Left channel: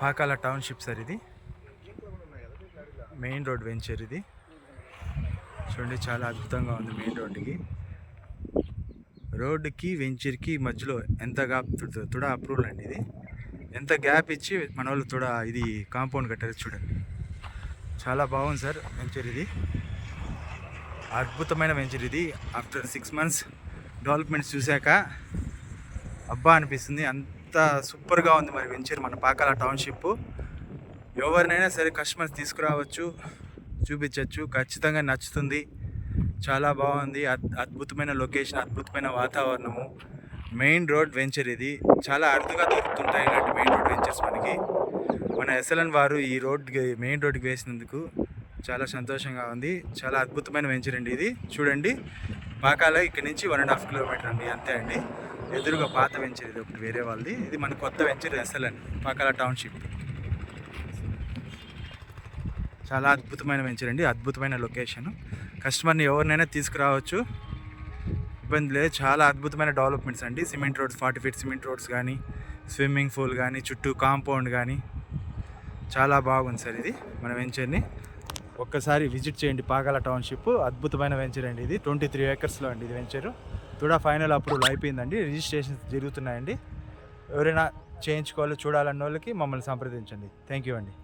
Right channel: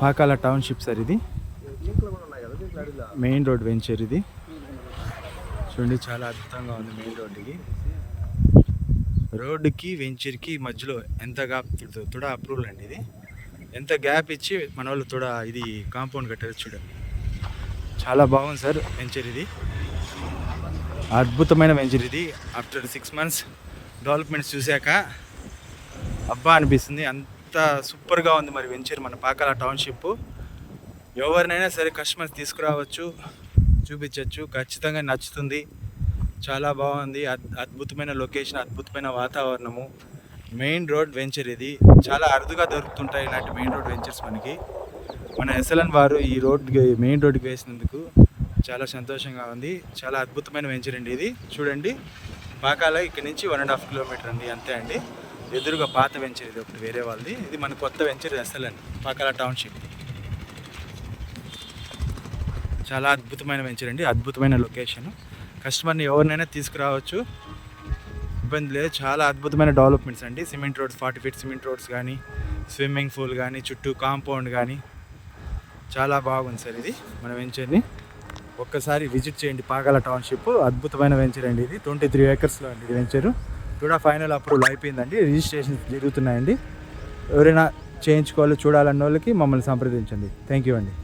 Pakala township sir ఇది. Main road venture ఇది. చూడండి చాలా అద్భుతంగా ఉంది. మెయిన్ రోడ్డుకి వెంచర్కి మధ్యలో ఎంత గ్యాప్ తుడ అప్రూవల్ అండి ఇది. ఎంత గ్యాప్ ఇచ్చి మన వాళ్ళు తుడ ఇది కాంపౌండ్ కట్టారు చూడండి. చాలా బాగుంది సార్ వెంచర్ ఇది. అద్భుతమైన వెంచర్ ఇది. ఆఫ్టర్ 6 months డెవలప్మెంట్స్ చూశాక అబ్బా అనిపిస్తుంది. అంత సూపర్గా ఉంది మరి వెంచర్ మన పాకాల టౌన్షిప్. ఎవరినైనా సరే కస్టమర్స్ తీసుకురావచ్చు, చూపించవచ్చు, ఖచ్చితంగా నచ్చుతుంది. చాలా బాగుంది. అద్భుతమైన లొకేషన్, అద్భుతమైన వాతావరణము. మెయిన్ రోడ్ వెంచర్ ఇది. చాలా అరుదుగా దొరుకుతుంటాయి ఇలాంటి మెయిన్ రోడ్ వెంచర్స్ మనకి. మన ఎస్ఎల్ఎన్ వారు ఈ మెయిన్ రోడ్కి వేసినందుకు చాలా సంతోషంగా ఉంది. చాలా అద్భుతమైన వెంచర్ అండి ఇది. చూడండి పాకాల ఇక్కడ నుంచి 1.5 kilometer అండి, అంతే అండి. ఎదురుగా పాత వెంచర్ ఇది ఒకటి వేరే వాళ్ళది. ఇది మన కొత్త వెంచర్ ఎస్ఎల్ఎన్ పాకాల టౌన్షిప్. చాలా అద్భుతమైన వెంచర్ అండి, అద్భుతమైన లొకేషన్. కస్టమర్ని ఎవరినైనా తీసుకురావచ్చు, ఇబ్బంది లేదు. చాలా అద్భుతమైన డెవలప్మెంట్స్ అండి. Cement roads, 40 feet cement roads కానీ, స్విమ్మింగ్ పూల్ కానీ, చుట్టూ కాంపౌండ్ కానీ చాలా బాగుంది సార్ ఇది మన వెంచర్ని. ఒక్కసారి విజిట్ చేయండి పాకాల టౌన్షిప్. అద్భుతమైన వెంచర్ అండి ఇది. 23 acresలో అండి ఇది వెంచరు. కూడా ఫైనల్ అప్రూవల్ అయిపోయిందండి. రిజిస్ట్రేషన్ జరుగుతున్నాయండి. ఎవరైనా చేయించుకోవాలి, చూడాలన్న వాళ్ళకి మమ్మల్ని సంప్రదించండి. థ్యాంక్ యూ అండి.